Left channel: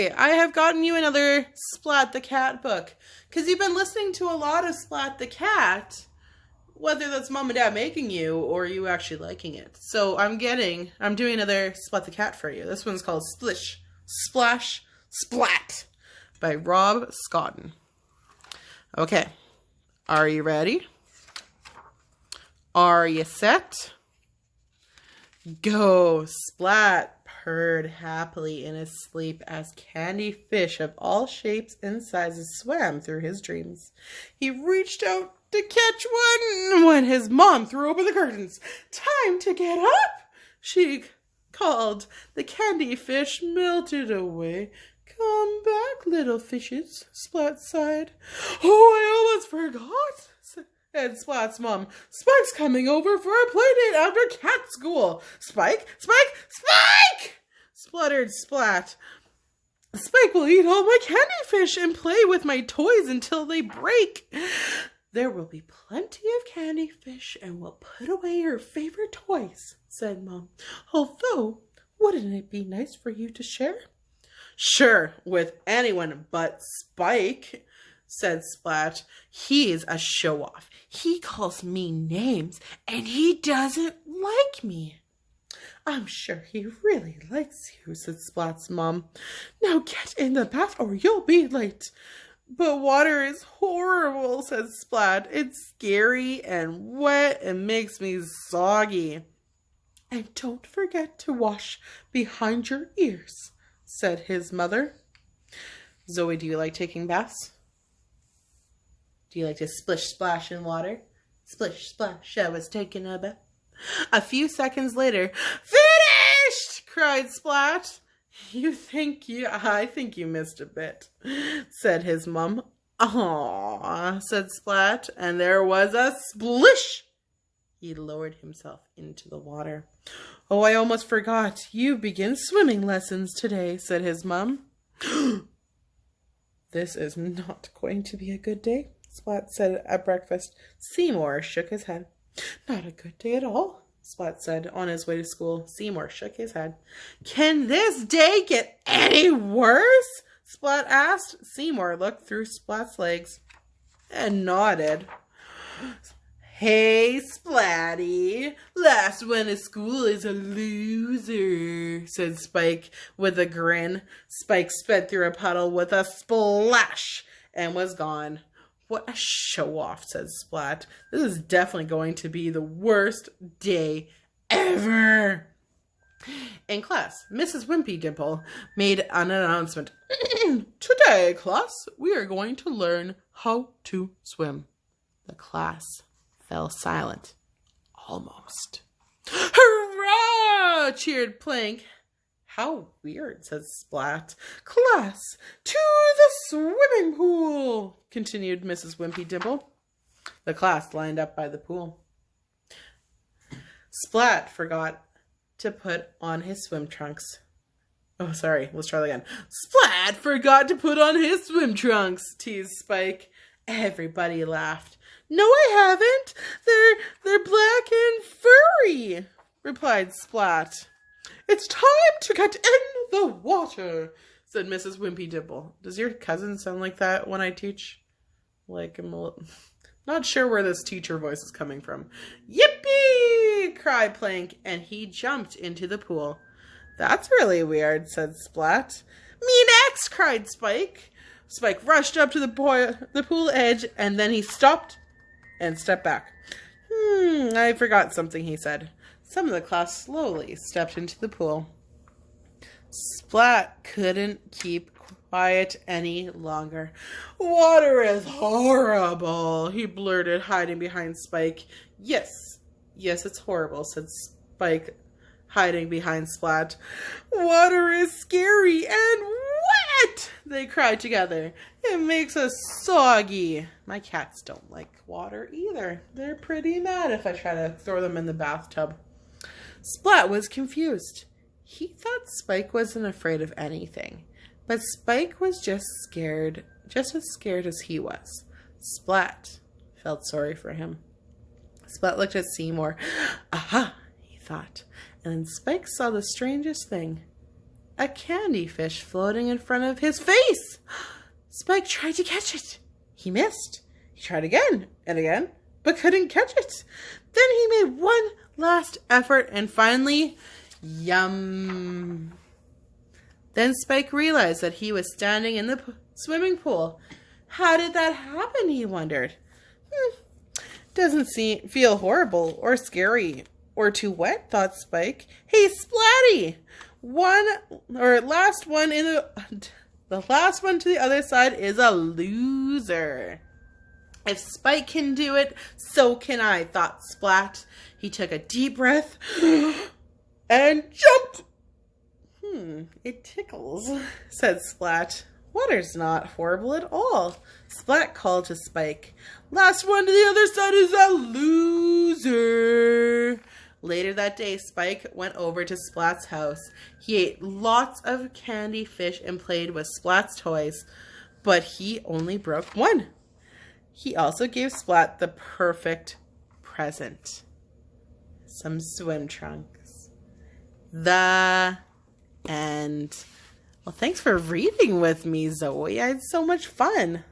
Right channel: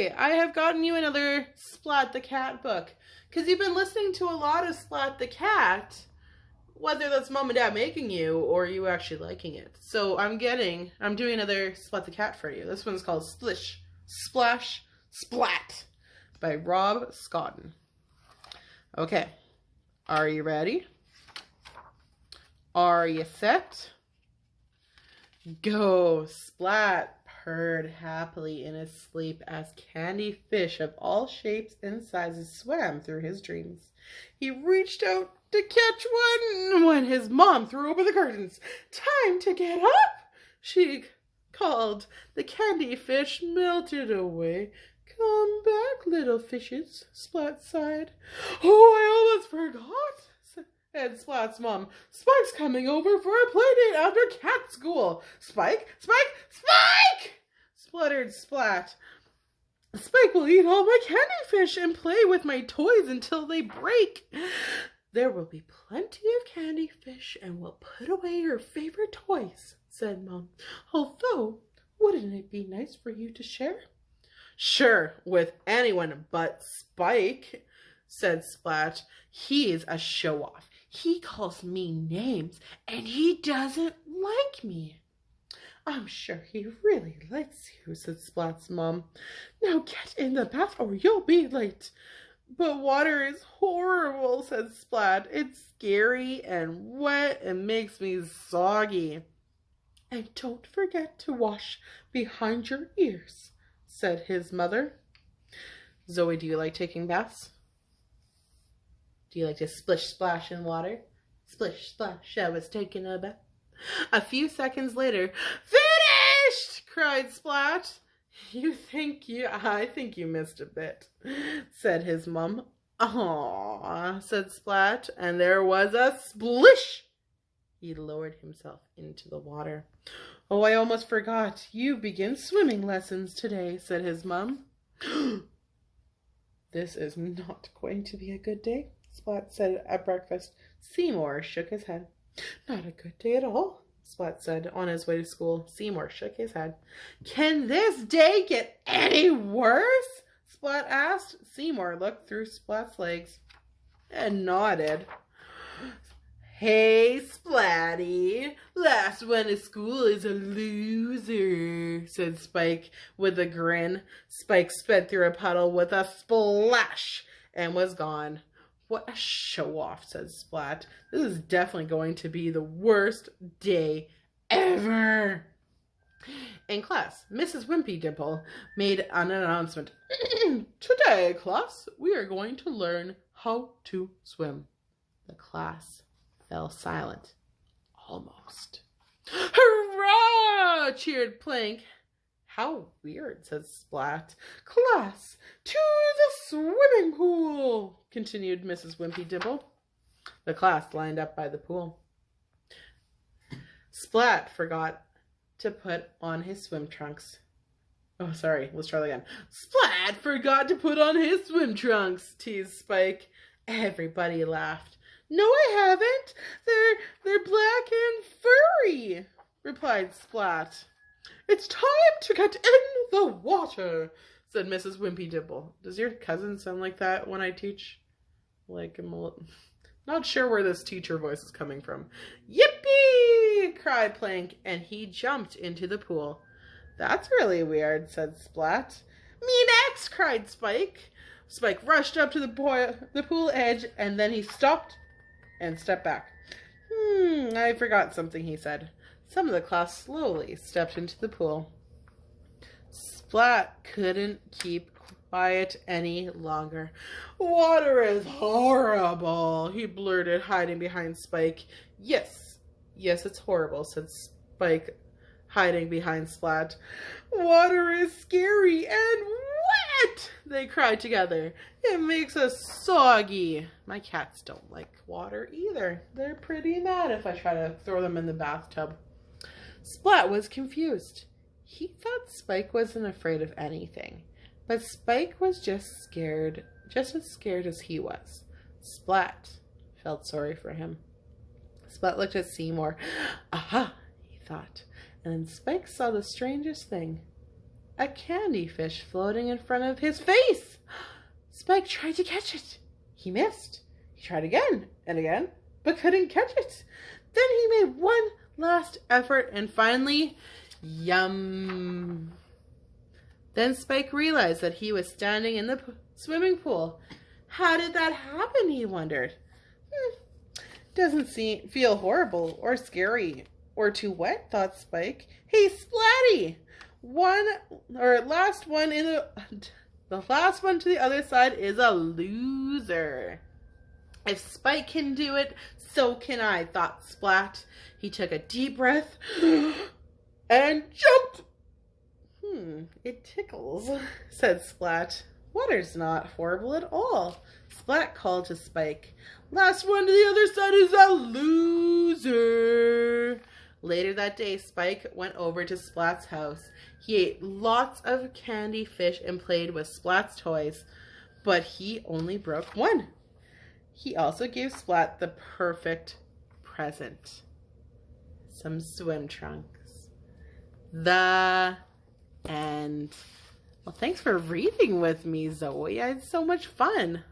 Hey, I have gotten you another Splat the Cat book. Because you've been listening to a lot of Splat the Cat, whether that's mom and dad making you or you actually liking it. So I'm doing another Splat the Cat for you. This one's called Splish, Splash, Splat by Rob Scotton. Okay, are you ready? Are you set? Go! Splat purred happily in his sleep as candy fish of all shapes and sizes swam through his dreams. He reached out to catch one when his mom threw open the curtains. "Time to get up!" she called. The candy fish melted away. "Come back, little fishes," Splat sighed. "Oh, I almost forgot," said Splat's mom. "Spike's coming over for a play date after cat school." "Spike? Spike? Spike!" spluttered Splat. "Spike will eat all my candy fish and play with my toys until they break." "There will be plenty of candy fish and we'll put away your favorite toys," said Mom. "Although, wouldn't it be nice for you to share?" "Sure, with anyone but Spike," said Splat. "He's a show-off. He calls me names, and he doesn't like me." "I'm sure he really likes you," said Splat's mom. "Now get in the bath or you'll be late." "But water is horrible," said Splat. "It's scary and wet and makes me soggy." "And don't forget to wash behind your ears," said his mother. "Zoe, do you like taking baths? Do you like to splish splash in water?" Splish splash, I was taking a bath. A few seconds later, "Finished!" cried Splat. I think you missed a bit," said his mum. "Aw," said Splat, and there was a splish. He lowered himself into the water. "Oh, I almost forgot. You begin swimming lessons today," said his mum. "This is not going to be a good day," Splat said at breakfast. Seymour shook his head. "Not a good day at all," Splat said on his way to school. Seymour shook his head. "Can this day get any worse?" Splat asked. Seymour looked through Splat's legs and nodded. "Hey, Splatty, last one to school is a loser," said Spike with a grin. Spike sped through a puddle with a splash and was gone. "What a show-off," said Splat. "This is definitely going to be the worst day ever." In class, Mrs. Wimpy Dimple made an announcement. "Today, class, we are going to learn how to swim." The class fell silent. Almost. "Hurrah!" cheered Plank. "How weird," said Splat. "Class, to the swimming pool," continued Mrs. Wimpy Dimple. The class lined up by the pool. Splat forgot to put on his swim trunks. Oh, sorry, let's try that again. "Splat forgot to put on his swim trunks," teased Spike. Everybody laughed. "No, I haven't. They're black and furry," replied Splat. "It's time to get in the water," said Mrs. Wimpy Dimple. Does your cousin sound like that when I teach? Like, I'm not sure where this teacher voice is coming from. "Yippee!" cried Plank, and he jumped into the pool. "That's really weird," said Splat. "Me next!" cried Spike. Spike rushed up to the pool edge, and then he stopped and stepped back. I forgot something," he said. Some of the class slowly stepped into the pool. Splat couldn't keep quiet any longer. "Water is horrible," he blurted, hiding behind Spike. Yes, it's horrible," said Spike, hiding behind Splat. "Water is scary and wet," they cried together. "It makes us soggy." My cats don't like water either. They're pretty mad if I try to throw them in the bathtub. Splat was confused. He thought Spike wasn't afraid of anything, but Spike was just as scared as he was. Splat felt sorry for him. Splat looked at Seymour. "Aha," he thought, and then Spike saw the strangest thing. a candy fish floating in front of his face. Spike tried to catch it. He missed. He tried again and again, but couldn't catch it. Then he made one last effort and finally, yum. Then Spike realized that he was standing in the swimming pool. How did that happen, he wondered. Doesn't feel horrible or scary or too wet, thought Spike. Hey, Splatty! The last one to the other side is a loser. If Spike can do it, so can I, thought Splat. He took a deep breath and jumped. It tickles, said Splat. Water's not horrible at all. Splat called to Spike. Last one to the other side is a loser. Later that day, Spike went over to Splat's house. He ate lots of candy fish and played with Splat's toys, but he only broke one. He also gave Splat the perfect present. Some swim trunks. The end. Well, thanks for reading with me, Zoe. I had so much fun.